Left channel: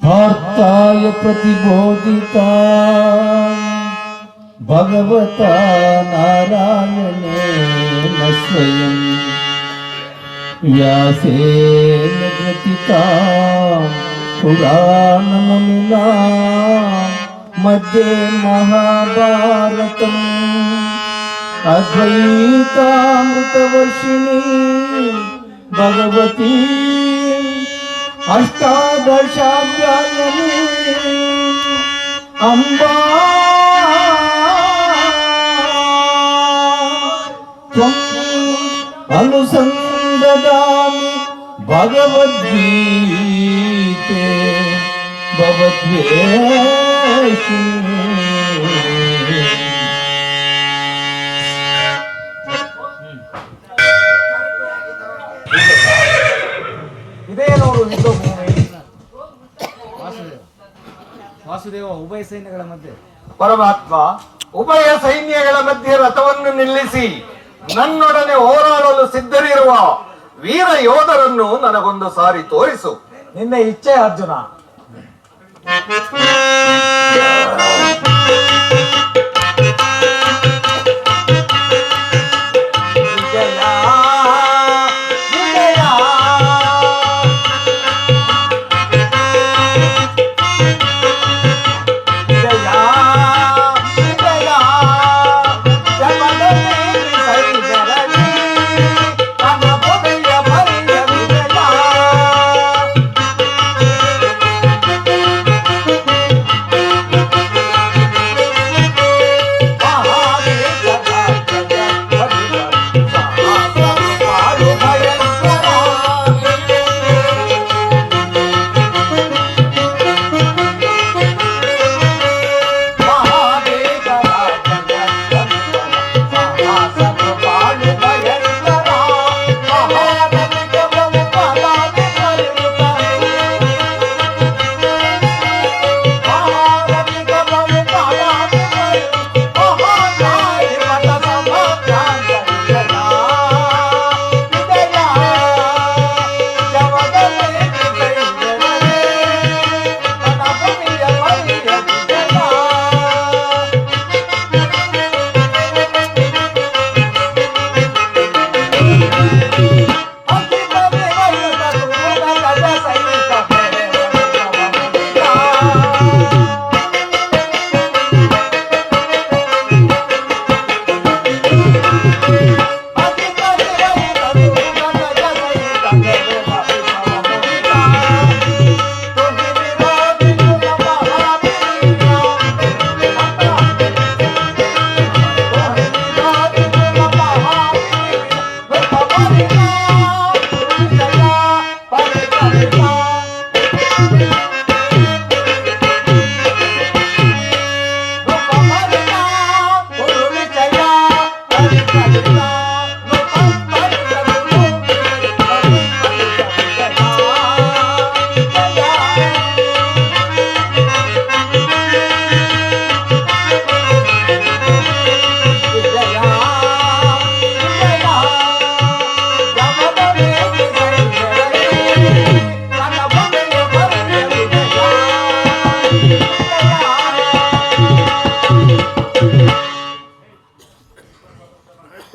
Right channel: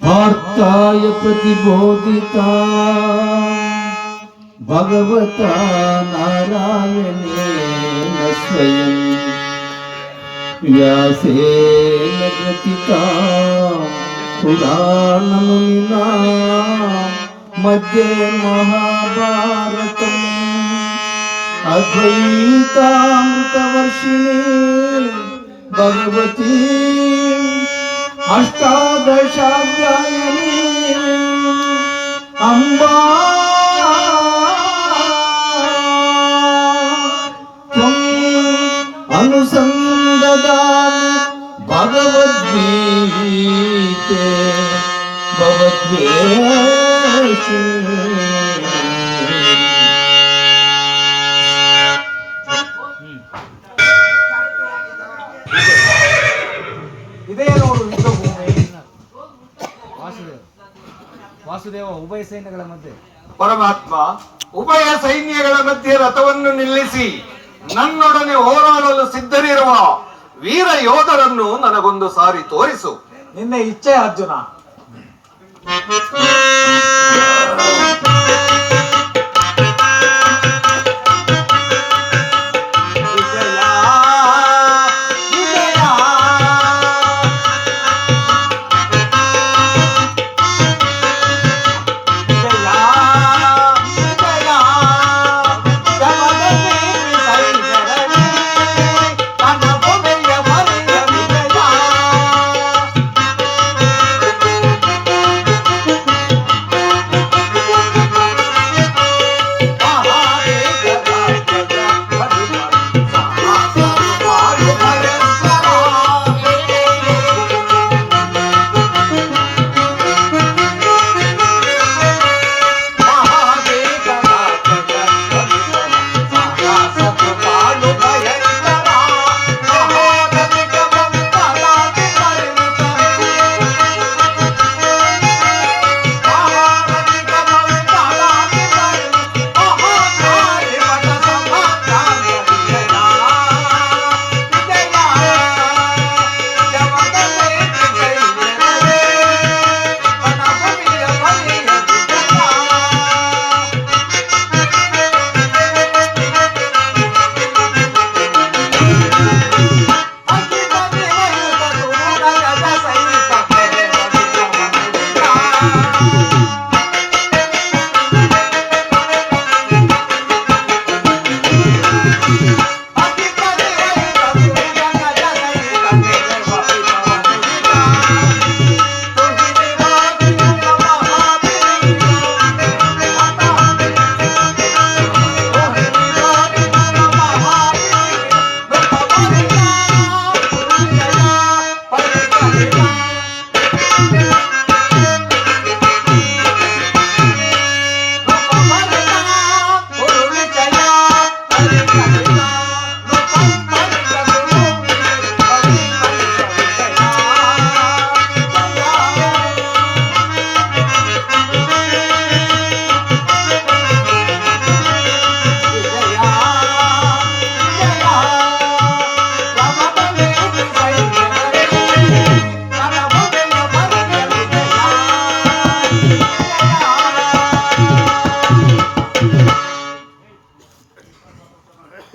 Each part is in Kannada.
पार्थाय प्रतिबोधिता भगवता नारायणेन स्वयं व्यासेन ग्रथिता पुराणमुनिना मध्ये महाभारतम् अद्वैतामृतवर्षिणी भगवती अष्टादशाध्यायिनी अम्बा त्वम् अनुसन्ददामि भगवद्गीते भवद्वेषिणी। ಇದೇ ನೋಡು ಯುದ್ಧಭೂಮಿ. ವಾಸುದೇವ ಉಭಯ ಸೈನ್ಯಗಳ ಮಧ್ಯೆ ಪರಮಾತ್ಮ ಉಭಯ ಸೈನ್ಯಗಳ ಮಧ್ಯೆ ರಥವನ್ನು ನಿಲ್ಲಿಸಿ ನನ್ನೊಡನೆ ಹೋರಾಡಲು ಸಿದ್ಧರಿರುವ ವೀರ ಯೋಧರನ್ನು ನನಗೊಂದು ಸಾರಿ ತೋರಿಸು. ನಿನ್ನ ಇಚ್ಛೆ ಅರ್ಜುನ.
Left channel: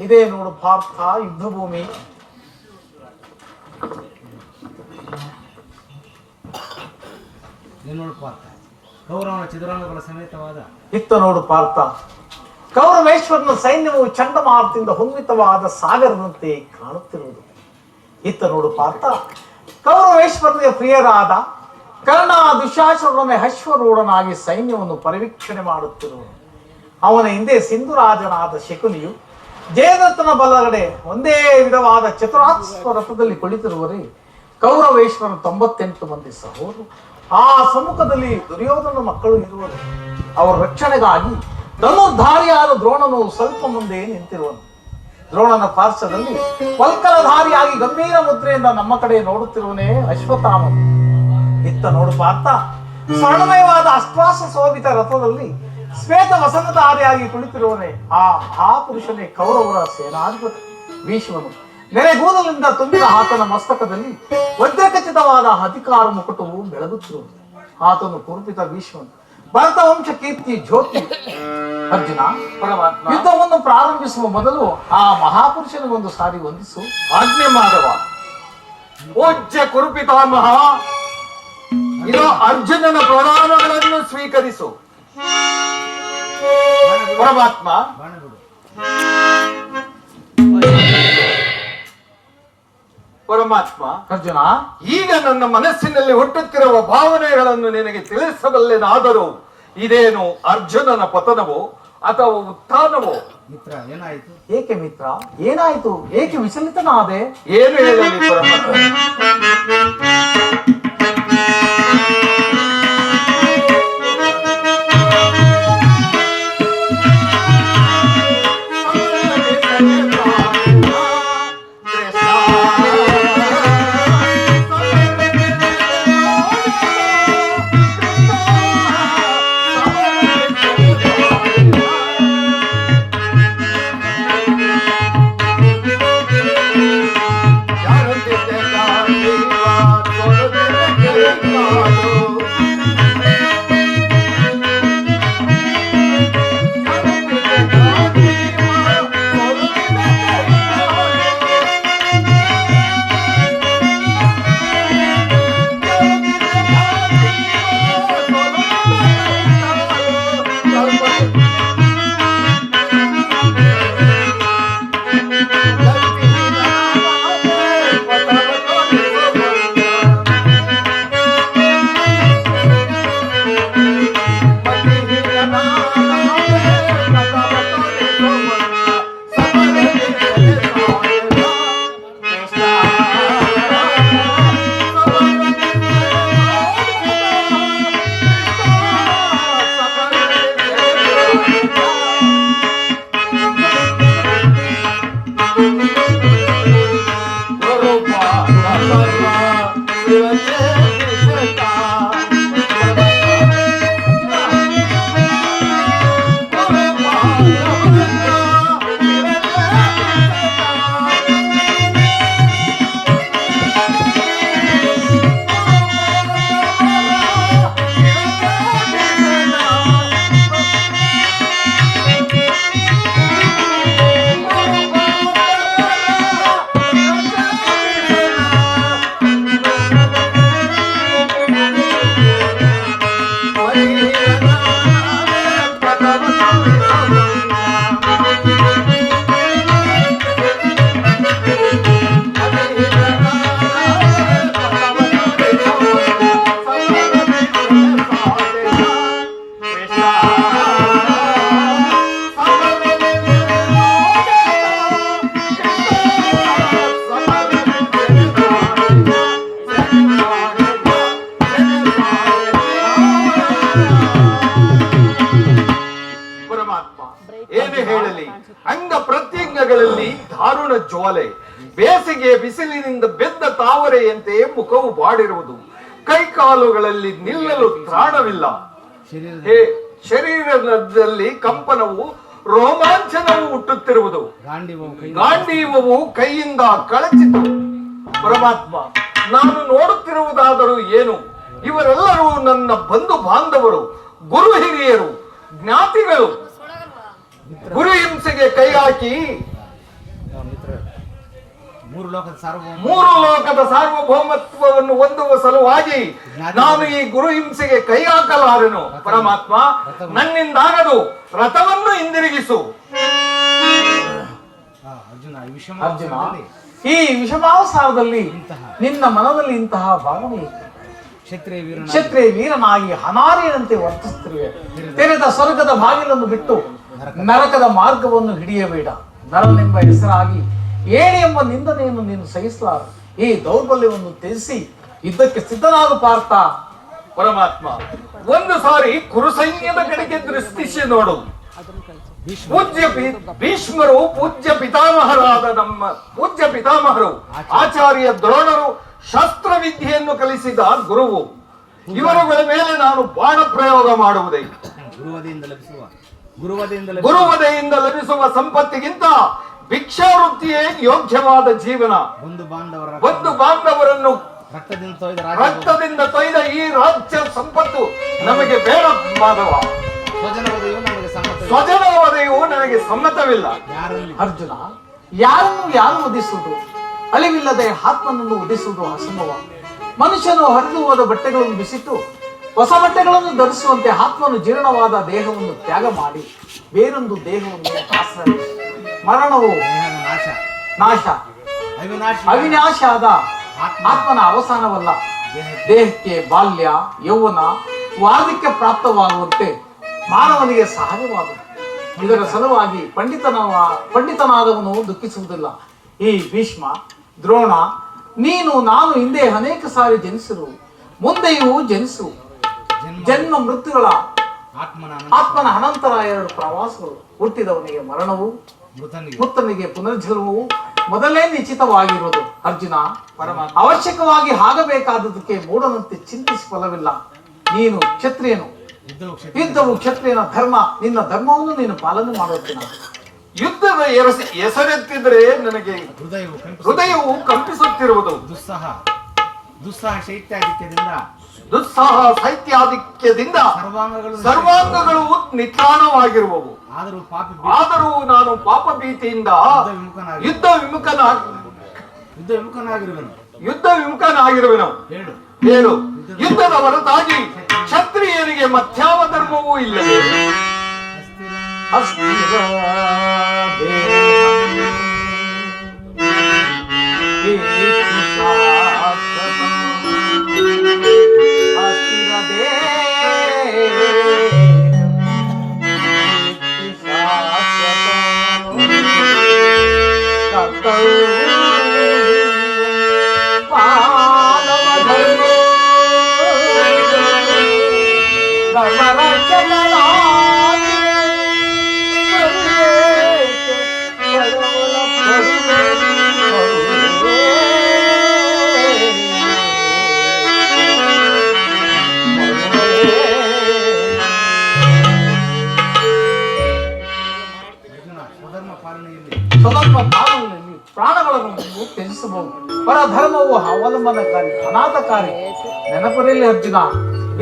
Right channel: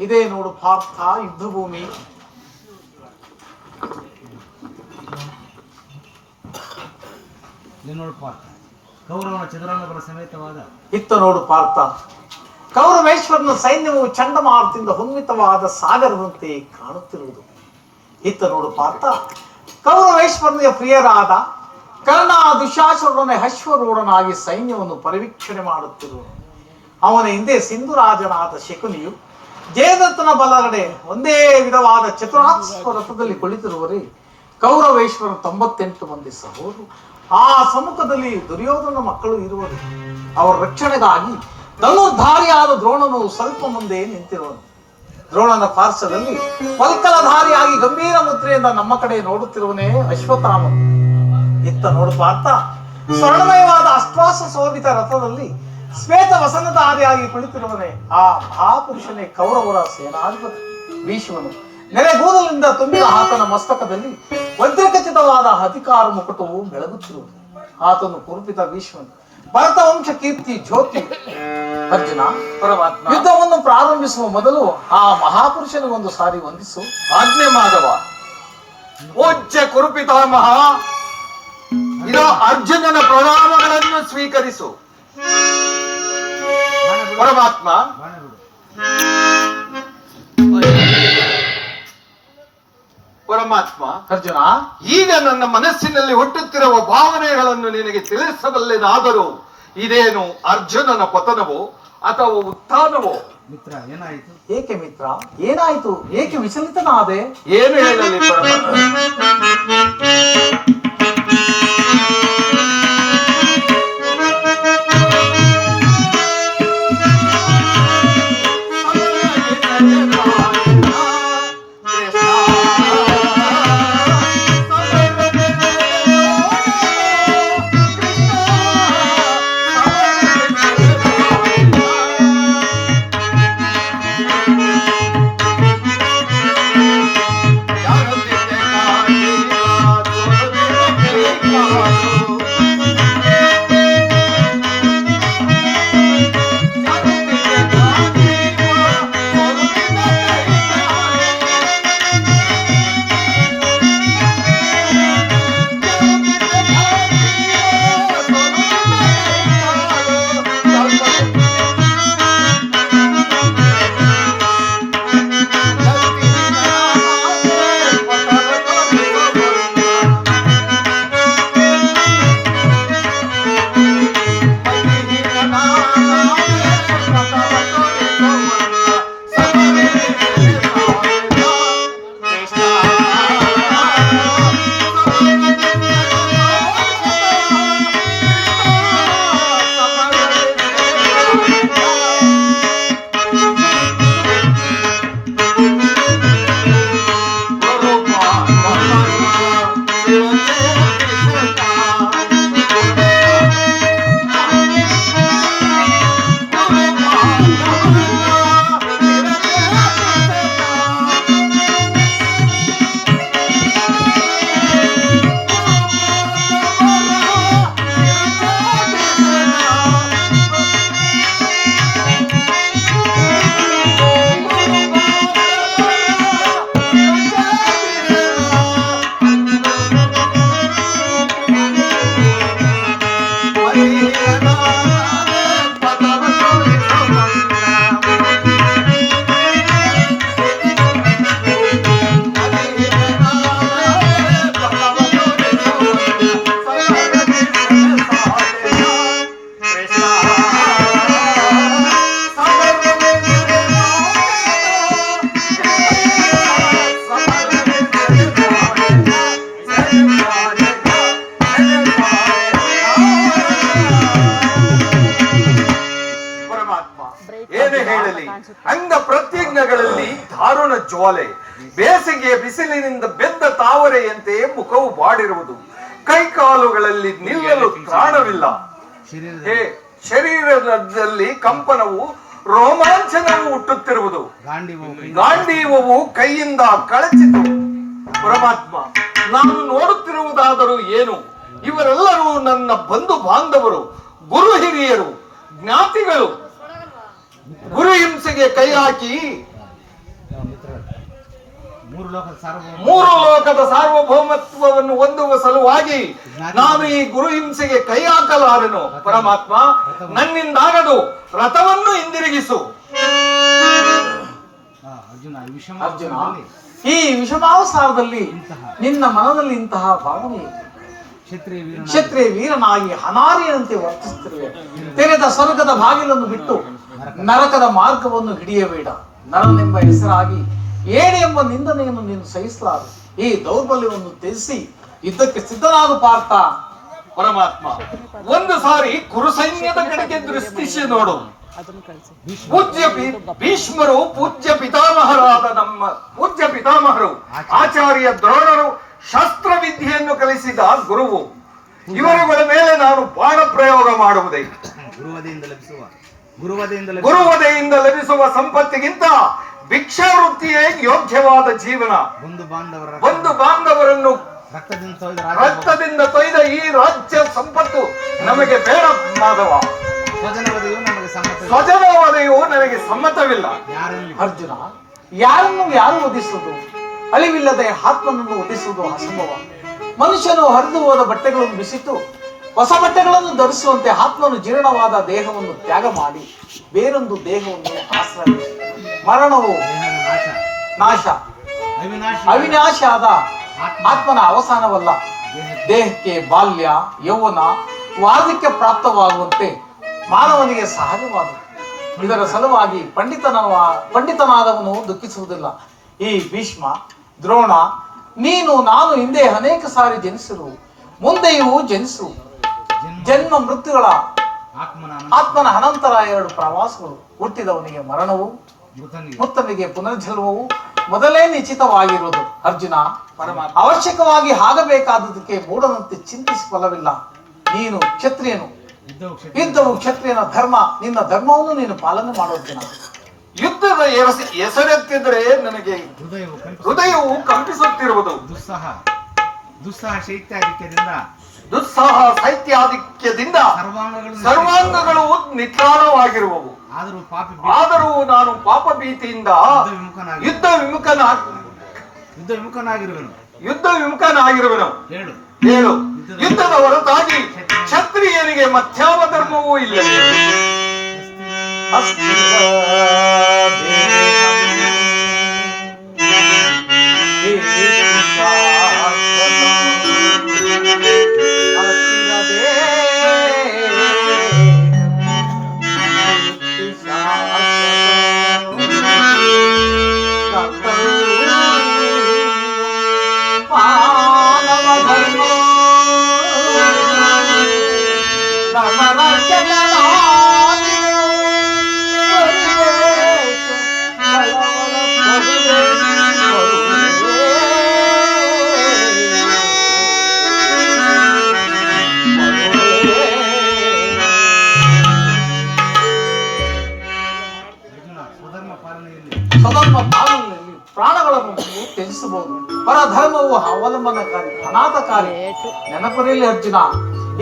ಇದೇ ನೋಡು ಪಾರ್ಥ ಯುದ್ಧಭೂಮಿ. ಕೌರವನ ಚದುರಂಗಗಳ ಸಮೇತವಾದ ಇತ್ತ ನೋಡು ಪಾರ್ಥ, ಕೌರವೇಶ್ವರನ ಸೈನ್ಯವು ಚಂಡಮಾರುತದಿಂದ ಹೊಮ್ಮಿತವಾದ ಸಾಗರದಂತೆ ಕಾಣುತ್ತಿರುವುದು. ಇತ್ತ ನೋಡು ಪಾರ್ಥ, ಕೌರವೇಶ್ವರನಿಗೆ ಪ್ರಿಯರಾದ ಕರ್ಣ ದುಶಾಸನೊಡನೆ ಅಶ್ವರೂಢನಾಗಿ ಸೈನ್ಯವನ್ನು ಪರಿವೀಕ್ಷಣೆ ಮಾಡುತ್ತಿರುವನು. ಅವನ ಹಿಂದೆ ಸಿಂಧುರಾಜನಾದ ಶಕುನಿಯು ಜಯದತ್ತನ ಬಲಗಡೆ ಒಂದೇ ವಿಧವಾದ ಚತುರಾಶ್ವ ರಥದಲ್ಲಿ ಕುಳಿತಿರುವರೆ ಕೌರವೇಶ್ವರ 98 ಮಂದಿ ಸಹೋದರರು. ಆ ಸಮ್ಮುಖದಲ್ಲಿ ದುರ್ಯೋಧನ ಮಕ್ಕಳು ಇರುವರು. ಅವರ ರಕ್ಷಣೆಗಾಗಿ ಧನುರ್ಧಾರಿಯಾದ ದ್ರೋಣನು ಸ್ವಲ್ಪ ಮುಂದೆ ನಿಂತಿರುವನು. ದ್ರೋಣನ ಪಾರ್ಶ್ವದಲ್ಲಿ ಪಲ್ಕಲಧಾರಿಯಾಗಿ ಗಂಭೀರ ಮುದ್ರೆಯಿಂದ ನಮ್ಮ ಕಡೆ ನೋಡುತ್ತಿರುವನೇ ಅಶ್ವತ್ಥಾಮ. ಇತ್ತ ನೋಡು ಪಾರ್ಥ, ಸ್ವರ್ಣಮಯವಾದ ಅಷ್ಟಾಶ ಶೋಭಿತ ರಥದಲ್ಲಿ ಶ್ವೇತ ವಸನಧಾರಿಯಾಗಿ ಕುಳಿತಿರುವನೇ ಆ ಮಹಾಪುರುಷನೇ ಕೌರವರ ಸೇನಾಧಿಪತಿ ಭೀಷ್ಮನು. ನೆರೆಗೂದಲಿಂದ ಚಿನ್ನದಿಂದ ತುಂಬಿದ ಆತನ ಮಸ್ತಕದಲ್ಲಿ ವಜ್ರಖಚಿತವಾದ ಅಧಿಕಾರ ಮುಕುಟವು ಬೆಳಗುತ್ತಿರುವುದು. ಆತನು ಕುರುಪಿತ ಭೀಷ್ಮನು, ಭರತ ವಂಶ ಕೀರ್ತಿ ಜ್ಯೋತಿ. ಅರ್ಜುನ, ಪರಮಾತ್ಮ, ಯುದ್ಧವನ್ನು ಪ್ರಾರಂಭಿಸುವ ಮೊದಲು ಆ ಮಹಾಪುರುಷನಿಗೊಂದು ಸಾರಿ ವಂದಿಸು. ಆಜ್ಞೆ ಮಾಧವ. ಪೂಜ್ಯ ಕುರುಪಿತಾಮಹ, ಇದ ಅರ್ಜುನನ ಪ್ರಣಾಮಗಳನ್ನು ಸ್ವೀಕರಿಸು. ಪರಮಾತ್ಮ, ಬಾಣ ಬಿಡು. ಪರಮಾತ್ಮ, ಅರ್ಜುನ, ಈಗ ನನ್ನ ಮನಸ್ಸಿನಲ್ಲಿ ಹುಟ್ಟುತ್ತಿರುವ ಭಾವನೆಗಳನ್ನು ನಿನಗೆ ತಿಳಿಸಬಲ್ಲೆನಾದರೂ ಇದೇನು ಅರ್ಜುನನ ಪತನವೋ ಅಥವಾ ಉತ್ಥಾನವೋ? ಮಿತ್ರ, ಏನಾಯಿತು? ಏಕೆ ಮಿತ್ರ, ಏನಾಯಿತು? ಏಕೆ ವಿಚಲಿತನಾದೆ? ಏನು ಹೇಳಲಿ ಪರಮಾತ್ಮ? ಅಂಗ ಪ್ರತ್ಯಂಗಗಳಲ್ಲಿ ದಾರುಣ ಜ್ವಾಲೆ, ಬೇಸಿಗೆ ಬಿಸಿಲಿನಿಂದ ಬೆದ್ದ ತಾವರೆಯಂತೆ ಮುಖವು ಬಾಡಿರುವುದು, ಕೈಕಾಲುಗಳಲ್ಲಿ ನಿಲ್ಲಲು ತ್ರಾಣವಿಲ್ಲ, ಶರೀರದಲ್ಲಿ ಕಂಪನವು, ರೋಮಾಂಚನವು ಹುಟ್ಟುತ್ತಿರುವುದು, ಗಾಂಡೀವವು ಕೈಯಿಂದ ಕಳಚಿತು. ಪರಮಾತ್ಮ, ನಾನು ನೋಡುತ್ತಿರುವುದಾದರೂ ಏನು? ಇವರೆಲ್ಲರೂ ನನ್ನ ಬಂಧು ಬಾಂಧವರು, ಗುರು ಹಿರಿಯರು, ಜ್ಞಾತಿಗಳು. ಗುರು ಹಿಂಸೆಗೆ ಕೈ ಹಾಕಿ ಮೂರು ಲೋಕದ ಸಾರ್ವಭೌಮತ್ವವನ್ನು ಹೊಂದುವ ಸಲುವಾಗಿ ನಾನು ಈ ಗುರು ಹಿಂಸೆಗೆ ಕೈ ಹಾಕಲಾರೆನು. ಪರಮಾತ್ಮ, ನನ್ನಿಂದಾಗದು, ರಥವನ್ನು ಹಿಂದಿರುಗಿಸು. ಅರ್ಜುನ, ಈ ವಿಷಮಾವಸಾರದಲ್ಲಿ ನಿನ್ನ ಮನದಲ್ಲಿ ಇಂತಹ ಭಾವನೆ, ಕ್ಷತ್ರಿಯ ವೀರನಾಗಿ ಹನಾರಿಯಂತೆ ವರ್ತಿಸುತ್ತಿರುವೆ. ತೆರೆದ ಸ್ವರ್ಗದ ಬಾಗಿಲನ್ನು ಬಿಟ್ಟು ನರಕದ ಮಾರ್ಗವನ್ನು ಹಿಡಿಯಬೇಡ. ನರನೆಂಬ ಹೆಸರಾಗಿ ಏಣಿ ಎಂಬ ನಿಂದನೆಯನ್ನು ನೀನು ಸಹಿಸಲಾರ. ಈ ದೌರ್ಬಲ್ಯವನ್ನು ತ್ಯಜಿಸಿ ಯುದ್ಧಕ್ಕೆ ಸಿದ್ಧನಾದ ಪಾರ್ಥ. ಪರಮಾತ್ಮ, ಒಂದು ಸಾರಿ ಕುರು ಸೈನ್ಯದ ಕಡೆಗೆ ದೃಷ್ಟಿಸಿ ನೋಡು. ಪೂಜ್ಯ ಭೀಷ್ಮರು, ಪೂಜ್ಯ ಪಿತಾಮಹರಾದ ನಮ್ಮ ಪೂಜ್ಯ ಪಿತಾಮಹರು, ಆಚಾರ್ಯ ದ್ರೋಣರು ಶಾಸ್ತ್ರವಿದ್ಯೆಯನ್ನು ಕಲಿಸಿದ ಗುರುವು. ಇವರುಗಳ ಮೇಲೆ ನಾನು ಬಾಣ ಪ್ರಯೋಗ ಮಾಡುವುದೇ? ಗುರುವದೆಯಿಂದ ಲಭಿಸುವ ಸಂಪತ್ತಿಗಿಂತ ಭಿಕ್ಷಾವೃತ್ತಿಯೇ ಯೋಗ್ಯವಾದ ಜೀವನ. ಬಂಧು ಬಾಂಧವರನ್ನು ರಕ್ತದಿಂದ ರಕ್ತದಿಂದ ತೊಯ್ದ ರಾಜ್ಯ ತೊಯ್ದ ಈ ರಾಜ್ಯ ಸಂಪತ್ತು ನಮಗೆ ಬೇಡ ಮಾಧವ. ಸ್ವಜನವಧೆಯು ನಮಗೆ ಸಮ್ಮತವಿಲ್ಲ. ಸ್ವಜನವಧೆಯು ನನಗೆ ಸಮ್ಮತವಿಲ್ಲ. ಅರ್ಜುನ, ಯಾರನ್ನು ಯಾರು ವಧಿಸುವುದು? ಅಳಿವಿಲ್ಲದೆ ಆತ್ಮನನ್ನು ವಧಿಸುವುದು ಅಸಂಭವ. ಮನುಷ್ಯನು ಹರಿದು ಹೋದ ಬಟ್ಟೆಗಳನ್ನು ಬಿಸಿಟ್ಟು ಹೊಸ ಬಟ್ಟೆಗಳನ್ನು ಧರಿಸುವಂತೆ ಆತ್ಮನು ಜೀರ್ಣವಾದ ದೇಹವನ್ನು ತ್ಯಾಗ ಮಾಡಿ ಬೇರೊಂದು ದೇಹವನ್ನು ಆಶ್ರಯಿಸಿ ಮರಣವು ನಾಶ ಅವಿನಾಶ ಆದ ಆತ್ಮನ ಅವಸಾನವಲ್ಲ. ದೇಹಕ್ಕೆ ಬಾಲ್ಯ ಯೌವನ ವಾರ್ಧಕ್ಯ ಪ್ರಾಪ್ತವಾಗುವಂತೆ ಮಾನವನಿಗೆ ಸಹಜವಾದ. ಇದರ ಸಲುವಾಗಿ ಪಂಡಿತನಾದವನು ದುಃಖಿಸುವುದಿಲ್ಲ. ಈ ಭೀಷ್ಮ, ದ್ರೋಣ, ನೀನು ನಾನು ಹಿಂದೆ ಅನೇಕ ಸಾರಿ ಜನಿಸಿರು, ಮುಂದೆಯೂ ಜನಿಸು. ಜನ್ಮ ಮೃತ್ಯುಗಳ ಆತ್ಮನ ಅನಂತರ 2 ಪ್ರವಾಸಗಳು. ಹುಟ್ಟಿದವನಿಗೆ ಮರಣವು, ಮೃತನಿಗೆ ಪುನರ್ಜನ್ಮವು ಮೊದಲೇ ನಿಶ್ಚಿತವಾಗಿರುವುದು. ಅರ್ಜುನ, ಅವಶ್ಯಕವಾಗಿ ಆಗಬೇಕಾದದಕ್ಕೆ ಮೂಢನಂತೆ ಚಿಂತಿಸಿ ಫಲವಿಲ್ಲ. ನೀನು ಕ್ಷತ್ರಿಯನು, ಯುದ್ಧವು ಕ್ಷತ್ರಿಯನ ಧರ್ಮ. ನಿನ್ನ ಧರ್ಮವನ್ನು ನೀನು ಪಾಲನೆ ಮಾಡುತ್ತೇನೆ. ಯುದ್ಧದ ಹೆಸರೆತ್ತಿದ್ರೆ ನನಗೆ ಹೃದಯವು ಕಂಪಿಸುತ್ತಿರುವುದು. ದುಸ್ಸಾಹ ಶೈತ್ಯಾಧಿಕ್ಯದಿಂದ ಸರ್ವಾಂಗಗಳು ನಿತ್ರಾಣವಾಗಿರುವವು. ಆದರೂ ನಾನು ಪಾಪ ಭೀತಿಯಿಂದ ಯುದ್ಧ ವಿಮುಖನಾಗಿರುವೆನು. ಹೇಳು, ಯುದ್ಧದ ಹೊರತಾಗಿ ಕ್ಷತ್ರಿಯನಿಗೆ ಮಧ್ಯಾಹ್ನ ಧರ್ಮವೂ ಇಲ್ಲ. ಸ್ವಧರ್ಮ ಪಾಲನೆಯಲ್ಲಿ ಪ್ರಾಣಗಳನ್ನು ತ್ಯಜಿಸಬಹುದು. ಪರಧರ್ಮವು ಅವಲಂಬನಕಾರಿ, ಅನಾಥಕಾರಿ. ನೆನಪಿರಲಿ ಅರ್ಜುನ,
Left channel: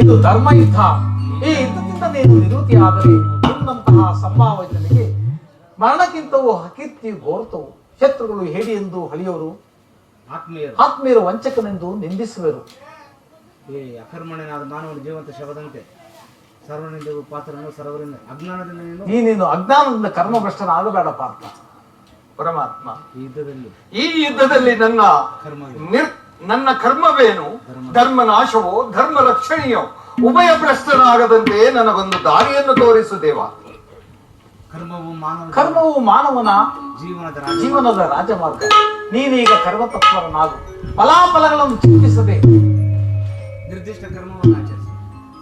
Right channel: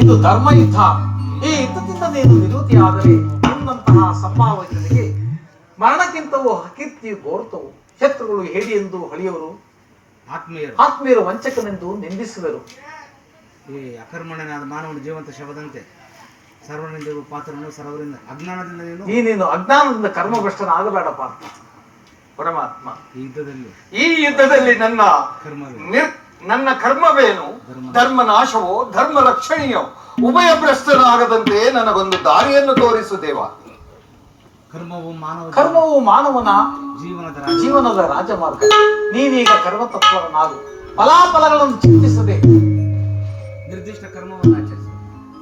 ಇದು ಧರ್ಮ ಯುದ್ಧ. ಈ ಯುದ್ಧದಿಂದ ನೀನು ನಿವೃತ್ತಿಯಾದರೆ ನಿನ್ನಂತಹ ಸಂಭಾವನೆಗಳಿಗೆ ಮರಣಕ್ಕಿಂತವೂ ಅಕೀರ್ತಿ ಗೋರ್ತವು. ಶತ್ರುಗಳು ಹೇಡಿ ಎಂದು ಹಳಿಯೋರು, ಆತ್ಮೀಯರು ವಂಚಕನೆಂದು ನಿಂದಿಸುವರು. ಈ ಅಕರ್ಮಣನಾದ ಮಾನವನ ಜೀವಂತ ಶವದಂತೆ ಸರ್ವನಿಂದೆಗೂ ಪಾತ್ರನು ಸರ್ವರಿಂದ ಅಜ್ಞಾನದಿಂದ ನೀನು ಅಜ್ಞಾನದಿಂದ ಕರ್ಮಭ್ರಷ್ಟನಾಗಬೇಡ ಪಾರ್ಥ. ಪರಮಾತ್ಮ, ಈ ಯುದ್ಧದಲ್ಲಿ ನನ್ನ ಕರ್ಮವೇನು? ಧರ್ಮ ನಾಶವೋ ಧರ್ಮ ರಕ್ಷಣೆಯೋ? ಉಭಯ ಭ್ರಷ್ಟನಾಗದಂತೆ ನನಗೊಂದು ದಾರಿಯನ್ನು ತೋರಿಸು ದೇವ. ಕರ್ಮವು ಮಾನವನ ಜೀವನದ ರಾಜಮಾರ್ಗ. ನೀನೀಗ ಕರ್ಮತತ್ವರನಾಗು. ಫಲಾಫಲಗಳನ್ನು ಚಿಂತಿಸದೆ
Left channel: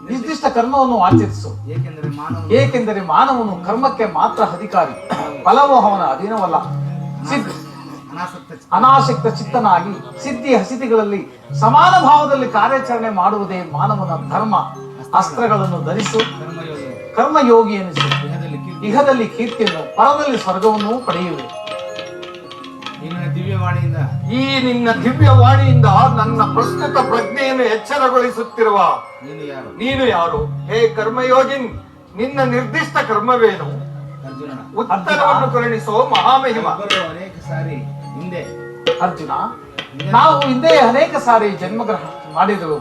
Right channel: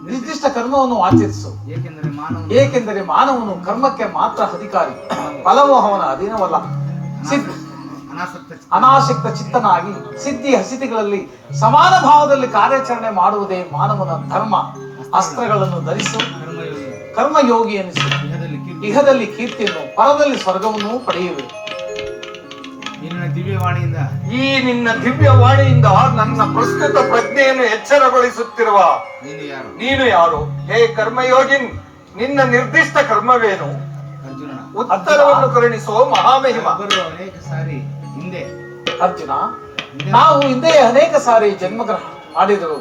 ನಿರ್ದಿಷ್ಟ ಕರ್ಮವನ್ನು ಆಚರಿಸು. ಏಕೆಂದರೆ ಮಾನವನು ಕರ್ಮಕ್ಕೆ ಮಾತ್ರ ಅಧಿಕಾರಿ, ಫಲವು ಅವನ ಅಧೀನವಲ್ಲ. ಅನಾಸಕ್ತ ಚಿತ್ತನಾಗಿ ಸಿದ್ಧಿ ಹಸಿದಿಗಳಲ್ಲಿ ಸಮಾನ ಭಾವದಲ್ಲಿ ಕಾರ್ಯಾಚರಣೆ ಮಾಡುವುದೇ ಮಾನವನ ಧರ್ಮ. ಅಸ್ತ್ರಗಳನ್ನು ಧರಿಸು, ಕರ್ಮಯೋಗಿ ಎನಿಸು. ಇಹದಲ್ಲಿ ಕೀರ್ತಿಯನ್ನು, ಪರದಲ್ಲಿ ಸ್ವರ್ಗವನ್ನು ಪಡೆಯುವೆ. ಈ ನಿನ್ನ ದಿವ್ಯವಾಣಿಯಿಂದ ನನ್ನ ಪ್ರಸ್ತುತ ಪ್ರಜ್ಞೆಯನ್ನು ಎಚ್ಚರಗೊಳಿಸುತ್ತಿರುವ ನೀನು ಯಾರು? ಹೇ ಕರ್ಮಯೋಗಿನ್, ನಿನ್ನ ನಿರ್ದಿಷ್ಟ ಕರ್ಮವೇನು? ಉತ್ತರವನ್ನು ಕರುಣಿಸೋ ಮಹಾಮಹಿಮ. ಅನೇಕ ಸಾರಿ ಹಿಂದೆ ಅರ್ಜುನ, ನಾವು ಹಿಂದೆ ಅನೇಕ ಸಾರಿ ಜನ್ಮಗ್ರಹಣ ಮಾಡಿದರು.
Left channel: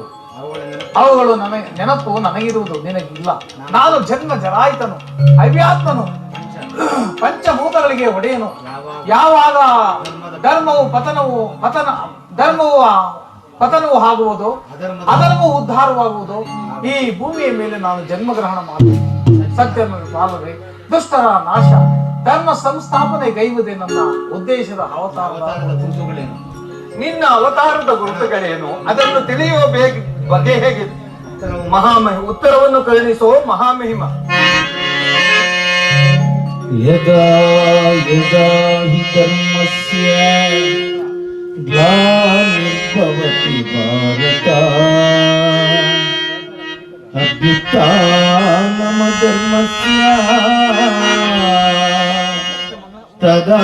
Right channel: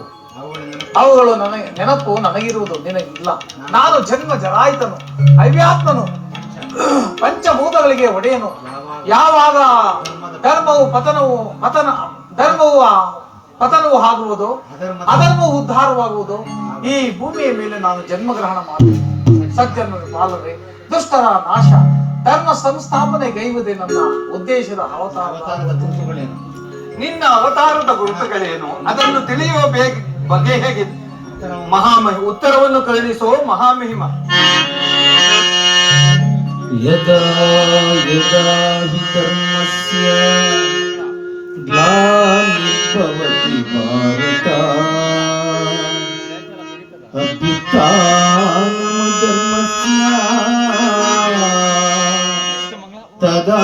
ಅವುಗಳು ನೆನಪು ನನಗಿರುವುದು, ನಿನಗಿಲ್ಲ. ನಾನು ಜನ್ಮ ಜರಾಯಿತನು, ಅವ್ಯಾತ್ಮನು, ಪಂಚಭೂತಗಳಿಗೆ ಒಡೆಯನು. ಯಾವಾಗ ಧರ್ಮವು ಪತನವು ಆಗುವುದು, ಅಧರ್ಮವು ಉದ್ಧಾರವಾಗುವುದು. ಈ ಭೂಮಿಯ ಮೇಲೆ ನಾನು ಜನ್ಮಗ್ರಹಣ ಮಾಡುವೆ. ಸತ್ಯನ ಪಾಲನೆ, ದುಷ್ಟರ ನಾಶ, ಧರ್ಮ ಸಂಸ್ಥಾಪನೆ ಗೈವುದೇ ನನ್ನ ಉದ್ದೇಶದ ಅವತಾರದ ಗುರುತುಗಳೇನು? ನಿನ್ನ ಅವತಾರದ ಗುರುತುಗಳೇನು? ಅದನ್ನು ತಿಳಿಯುವ ಬಗೆ ಹೇಗಿದೆ? ಉತ್ತರವನ್ನು ಕರುಣಿಸೋ ಮಹಾಮಹಿಮ. ಯದಾ ಯದಾ ಹಿ ಕರ್ಮಸ್ಯ ಗ್ಲಾನಿರ್ಭವತಿ ಭಾರತ ಅಭ್ಯುತ್ಥಾನಮ ಧರ್ಮಸ್ಯ ತದಾ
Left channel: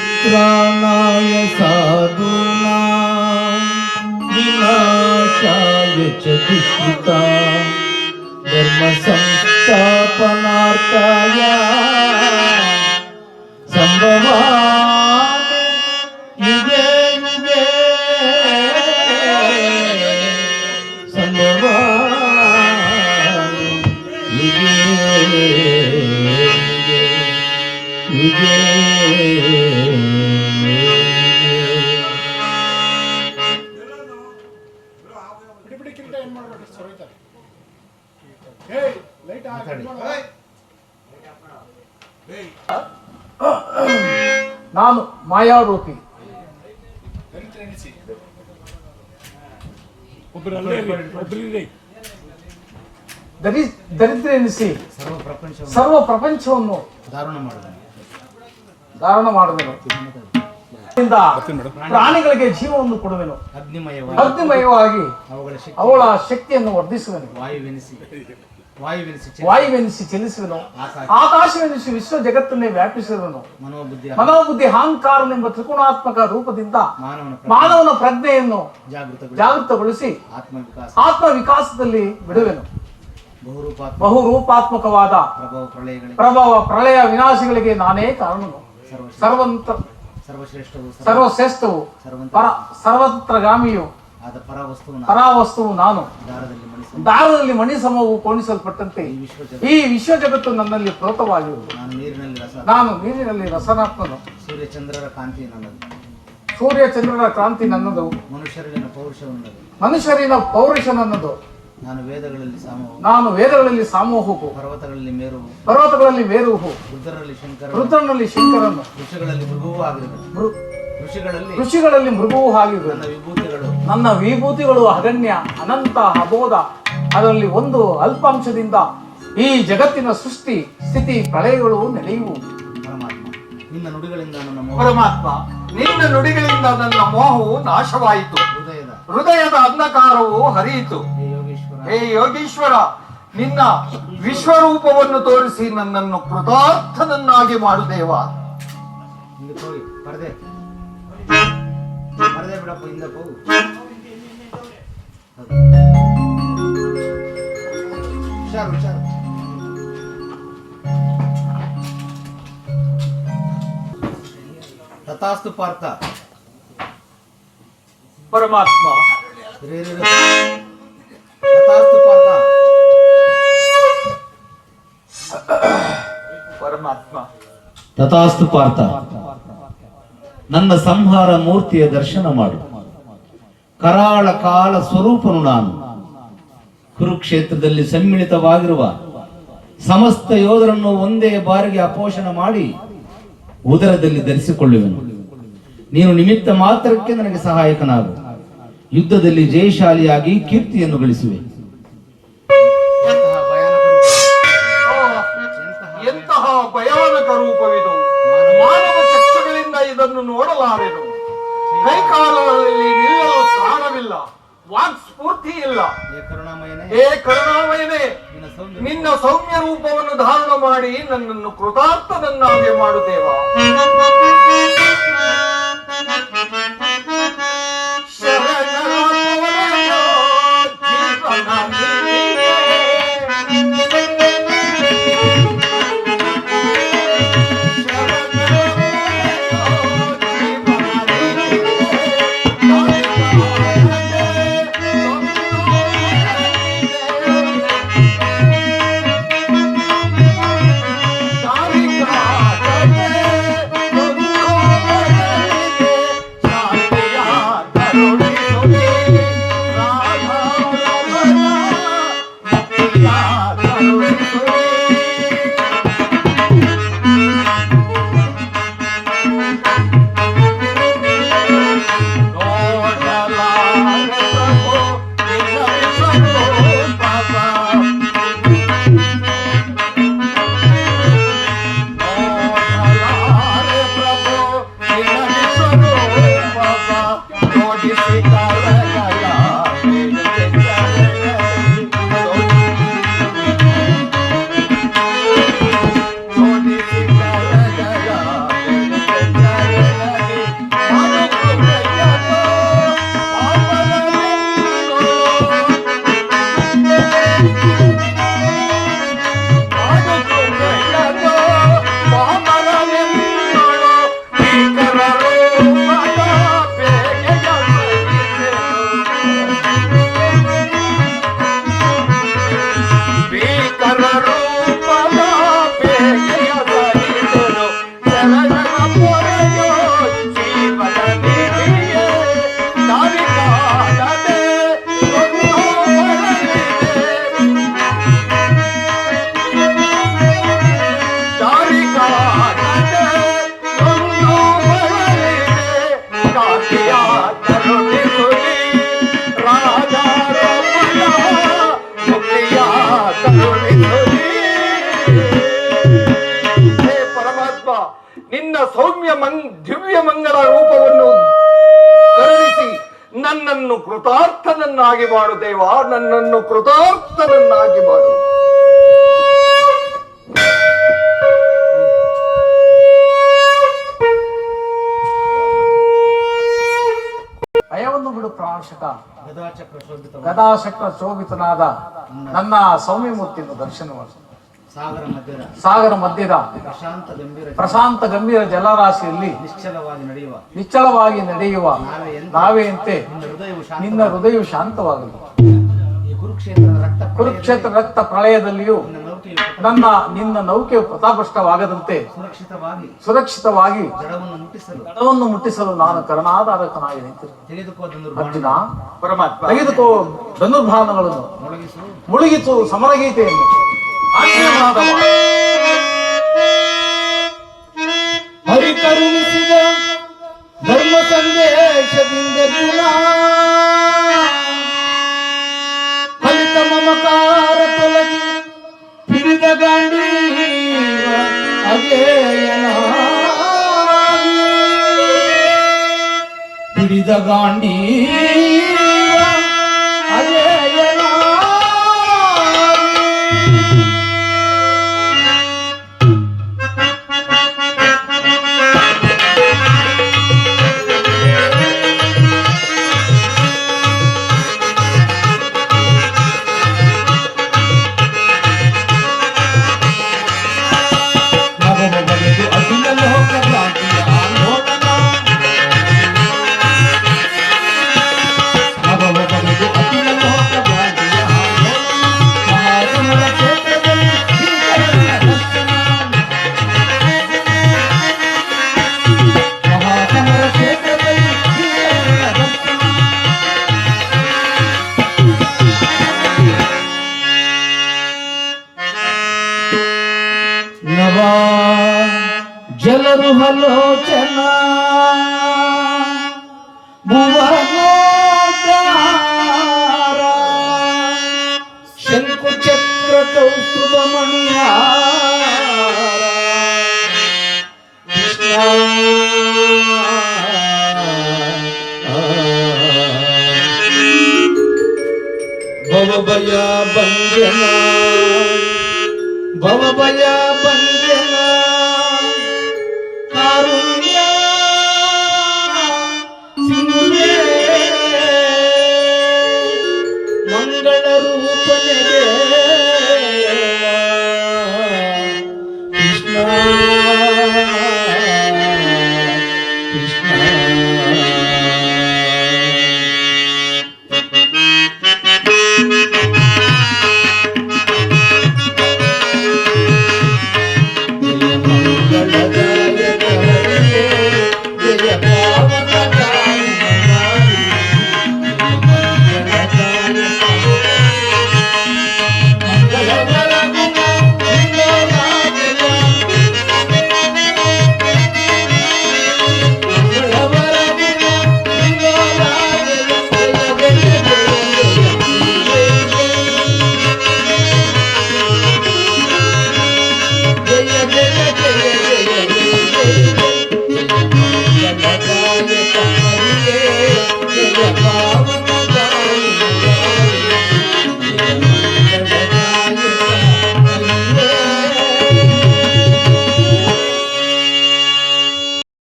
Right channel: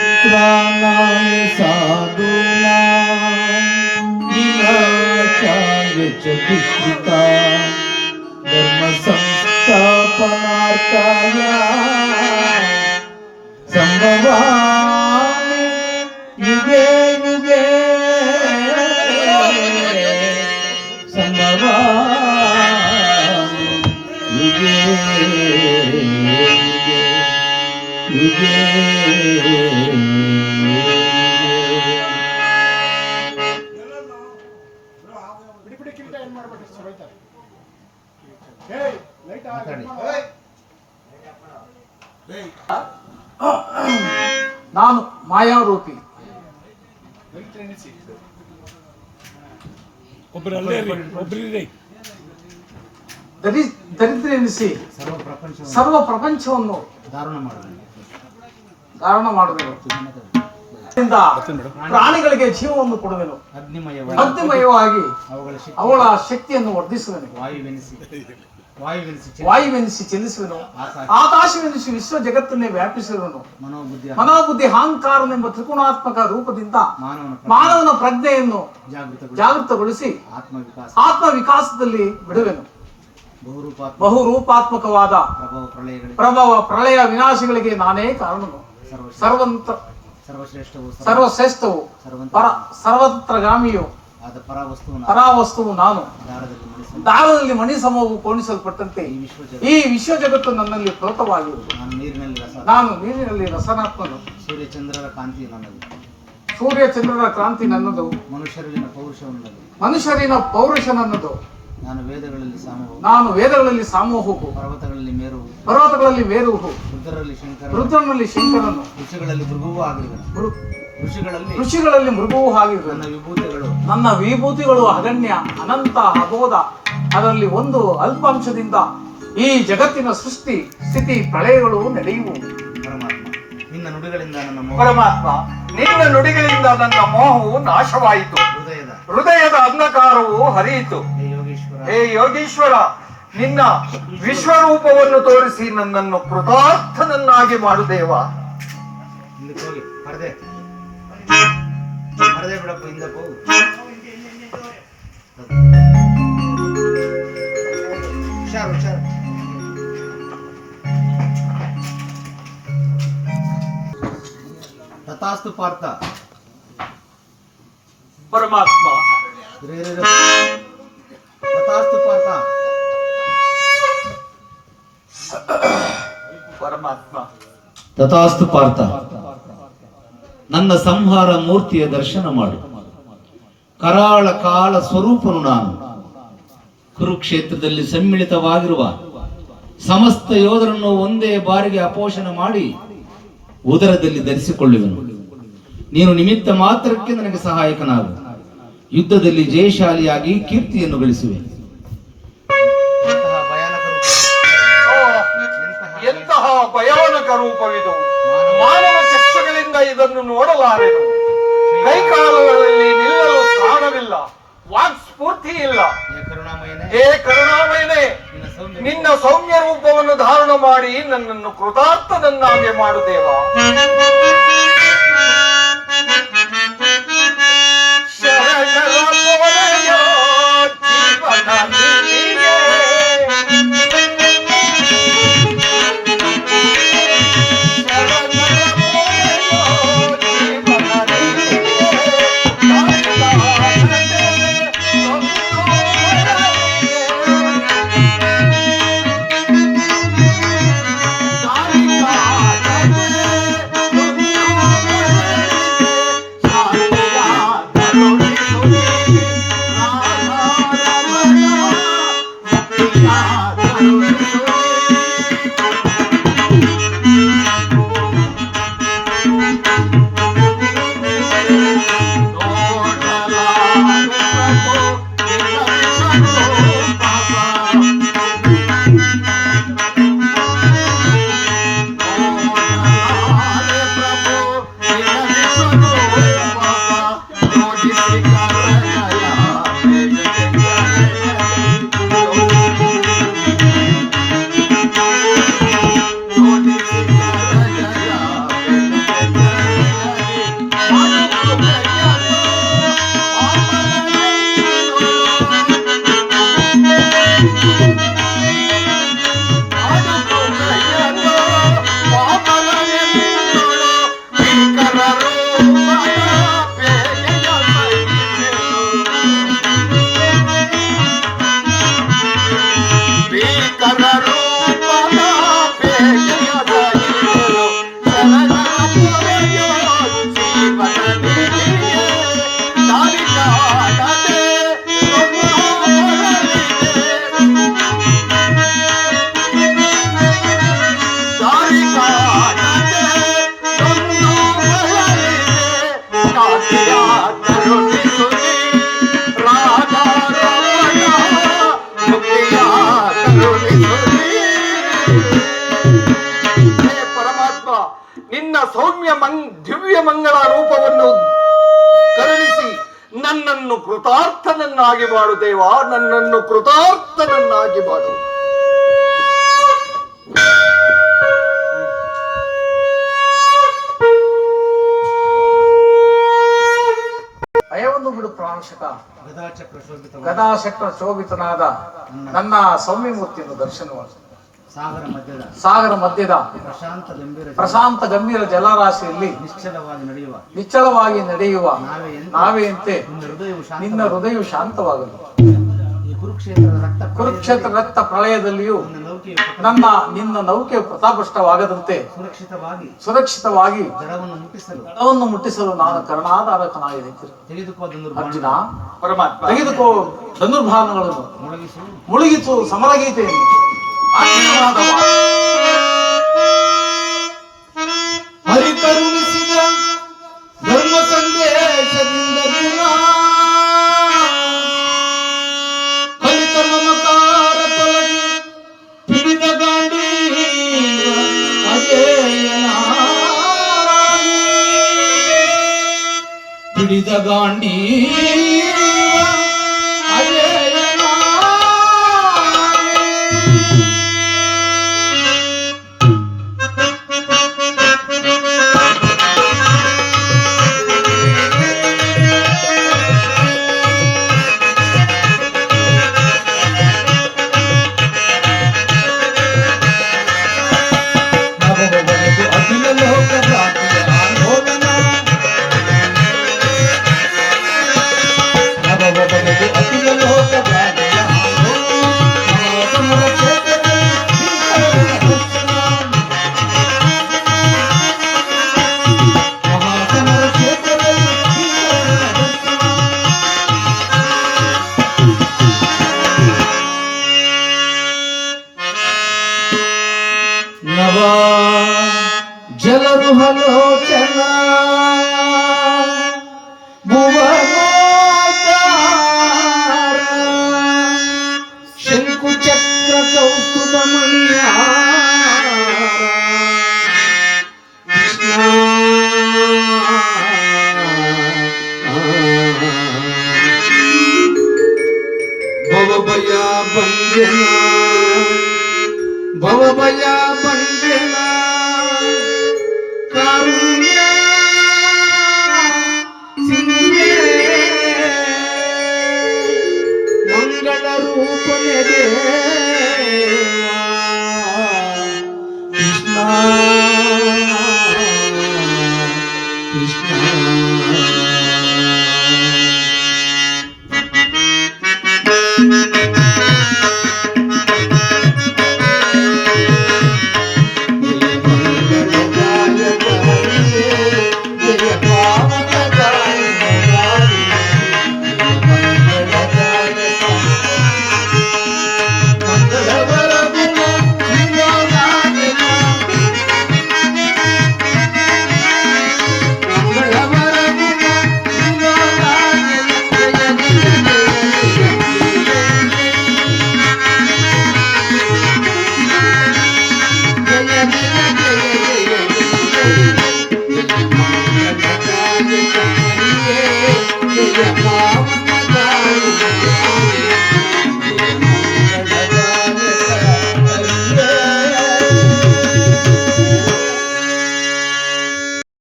परित्राणाय साधूनां विनाशाय च दुष्कृतां धर्म संस्थापनार्थाय संभवामि युगे युगे संभवामि युगे युगे ನಾನು ಮಾಯಾರೂಪಿ, ದರಿದ್ರ ಎನಿಸಿ ಸರ್ವ ಪ್ರಪಂಚವನ್ನು ಧಾರಣ ಮಾಡಬೇಕು. ಪ್ರಾಣಿಗಳಿಗೆ ಜೀವವನ್ನು ಕೊಡುವೆನು, ಅಗ್ನಿಮಯವಾಗಿ ಅವಳ ಶಕ್ತಿಯನ್ನು ವರ್ಧಿಸುವೆನು. ವಾಯುವೆನಿಸಿ ಚಲಿಸುವೆನು, ಆಕಾಶವೆನಿಸಿ ವಿಶ್ವ ಜಗತ್ತನ್ನೇ ವ್ಯಾಪಿಸುವೆನು. ಮನೋಬುದ್ಧಿ ಅಹಂಕಾರನೆಂಬ ತ್ರಿಗುಣಾತ್ಮಕ ರೂಪದಿಂದ ಮಾನವನ ಪ್ರಜ್ಞೆಯನ್ನು ಜಾಗೃತಗೊಳಿಸಿ ಆತ್ಮ ವಿಕಾಸದಲ್ಲಿ ಬಿಡುವೆನು. ಬಹುರೂಪಾತ್ಮಕವಾದ ಪ್ರಭಾವ ಪ್ರಳಯ ವಿನಾಶಗಳಿಗೆ ನಾನೇ ಕಾರಣ. ಸರ್ವಶ್ರೇಷ್ಠವು ಸರ್ವತ್ರಗಾಮಿಯು ಪರಾವಸ್ತುವು ನಾನು. ದಾರದಲ್ಲಿ ಮಣಿ ಸಮೂಹವು ಕೋಣಿಸಲ್ಪಟ್ಟಂತೆ ಈ ವಿಶ್ವ ಜಗತ್ತು ನನ್ನಲ್ಲಿ ಪ್ರೋತವಾಗಿರುವುದು. ನಾನು ನೀರಿನಲ್ಲಿ ರಸನಾತ್ಮನು. ಸೂರ್ಯ ಚಂದ್ರರ ಕ್ರಾಂತಿ ನನ್ನದು. ಮನುಷ್ಯರಿನ ಪೌರುಷ ನನ್ನದು. ನಾನು ವೇದಗಳಲ್ಲಿ ಸಾಮೂಹವು, ಪರ್ವತಗಳಲ್ಲಿ ಮೇರುವು, ರುದ್ರನಲ್ಲಿ ಶಂಕರನು, ಋಷಿಗಳಲ್ಲಿ ಮೃಗುವೂ ಆಗಿವೆ. ನನ್ನ ವಿಭೂತಿಗಳು ಅಗಣ್ಯ, ಅನಂತ, ಅಬೋಧ. ಅದರಲ್ಲಿ ಒಂದು ಅಲ್ಪಾಂಶದಿಂದ ಈ ಜಗತ್ತಿನ ಸೃಷ್ಟಿ ಸ್ಥಿತಿ ಪ್ರಳಯಗಳು ನಡೆಯುವುದು. ಪರಮಾತ್ಮ, ನಿನ್ನ ನುಡಿಗಳಿಂದ ನನ್ನ ಮೋಹವು ನಾಶವಾಯಿತು, ಹೃದಯದ ಅಂಧಕಾರವು ಹರಿಯಿತು. ಹೇ ಯೋಗೀಶ್ವರ, ನಿನ್ನ ವಿಶ್ವರೂಪವನ್ನು ತೋರಿಸಿ ನನ್ನನ್ನು ಕೃತಾರ್ಥನನ್ನಾಗಿ ಮಾಡು ದೇವ. ಬಿಡಪ್ಪ, ಹಿಂದಕ್ಕೆ ಹೋಗು. ಹುಷಾರು ಹುಷಾರು. ತಥಾಸ್ತು ಪಾರ್ಥ. ಪರಮಾತ್ಮ, ತಥಾಸ್ತು ಪಾರ್ಥ. ಪರಮಾತ್ಮ, ತಥಾಸ್ತು ಪಾರ್ಥ. ನನ್ನ ಸಂಹಾರ ಮೂರ್ತಿಯ ದರ್ಶನ ಮಾಡು. ಕರಾಳ ಕಾಲ ಸ್ವರೂಪನು ನಾನು. ಕುರುಕ್ಷೇತ್ರದಲ್ಲಿ ಸಮ್ಮಿಳಿತವಾಗಿರುವ ಸಮಸ್ತ ಯೋಧರನ್ನು ಒಂದೇ ಬಾರಿಗೆ ಅಪೋಷಣ ಮಾಡಿ ಉದರದಲ್ಲಿ ಧರಿಸಿಕೊಳ್ಳುವೆನು. ನೀನು ನಿಮಿತ್ತ ಮಾತ್ರಕ್ಕೆ ನನಗೆ ಸಹಾಯಕನಾಗು. ಯುದ್ಧದಲ್ಲಿ ಜಯಶಾಲಿಯಾಗಿ ಕೀರ್ತಿಯನ್ನು ಗಳಿಸುವೆ. ಎಂತಹ ಭಯಾನಕ ರೂಪವಿದು! ಮಾನವ ಚಕ್ಷುಗಳಿಂದ ಇದನ್ನು ನೋಡಲಾರೆನು. ಕೈಕಾಲುಗಳಲ್ಲಿ ನಿಲ್ಲಲು ಪ್ರಾಣವಿಲ್ಲ, ವಾಕ್ ಸ್ಫೂರ್ತಿ ಇಲ್ಲ. ಹೇ ಕರುಣಾಮಯನೇ, ನಿನ್ನ ಸೌಮ್ಯ ರೂಪವನ್ನು ಧಾರಣ ಮಾಡಿ ನನ್ನನ್ನು ಕೃತಾರ್ಥನನ್ನಾಗಿ ಮಾಡು ದೇವ. ಶರಣರ ಪೊರೆಯೋ ಜೀವನ ನೀನೇ. ಸೌಮ್ಯ ದಿವ್ಯ ಮಂಗಳ ರೂಪವನ್ನು ಕರುಣಿಸಿ ನನ್ನನ್ನು ಕೃತಾರ್ಥನನ್ನಾಗಿ ಮಾಡು ದೇವ, ನನ್ನನ್ನು ಕೃತಾರ್ಥನನ್ನಾಗಿ ಮಾಡು. ಭಯವನ್ನು ಬಿಡು ಪ್ರಾಣಶಕ. ಗದಾಚಕ್ರ ಶೋಭಿತ ಗದಾಶಕ್ರ ಶೋಭಿತನಾದ ನನ್ನ ಸೌಮ್ಯಮೂರ್ತಿಯನ್ನು ದರ್ಶನ ಮಾಡಿ. ಸಾಗರ ಮಧ್ಯದ ಪ್ರಶಾಂತ ಗಂಭೀರ ಜಲರಾಶಿಯಲ್ಲಿ ನಿಶ್ಚಲವಾಗಿ ನಡೆಯುವ ನಾವೆಯಂತೆ ನಿನ್ನ ಹೃದಯವು ಶಾಂತವಾಗಲಿ. ಕುರುಕ್ಷೇತ್ರ ರಕ್ತ ಪ್ರಳಯದಲ್ಲಿಯೂ ನಿನ್ನ ನೌಕೆಯು ಪ್ರತಾಪಷ್ಟವಾಗದಂತೆ ಸುರಕ್ಷಿತವಾಗಿ ದಡವನ್ನು ಮುಟ್ಟಿಸಲು ನಾನು ಕರುಣಾಧಾರಕನಾಗಿ ಅರ್ಜುನ, ತೆಗೆದುಕೋ ಧನುರ್ಭಾನಗಳನ್ನು, ಮುಳುಗಿಸು ಸಮರಗೀತೆಯನ್ನು. ಪರಿಕರುಣಿಸಿದ ಧರ್ಮ ಸಂದೇಶದಿಂದ ಕಲಿತ ಮಮಕಾರ ತೊಲಗಿ ಹಿಡಿದ ಗಾಂಡೀವ ಹಿಡಿದ ಗಾಂಡೀವ ಜಲರುಹಲೋಚನ ಭುವನೋದ್ಧಾರ ಶಂಕುಚಕ್ರ ಕೌಸ್ತುಭಮಣಿಯ ಭವಭಯ ಬಂಧನ ಭವಭಯ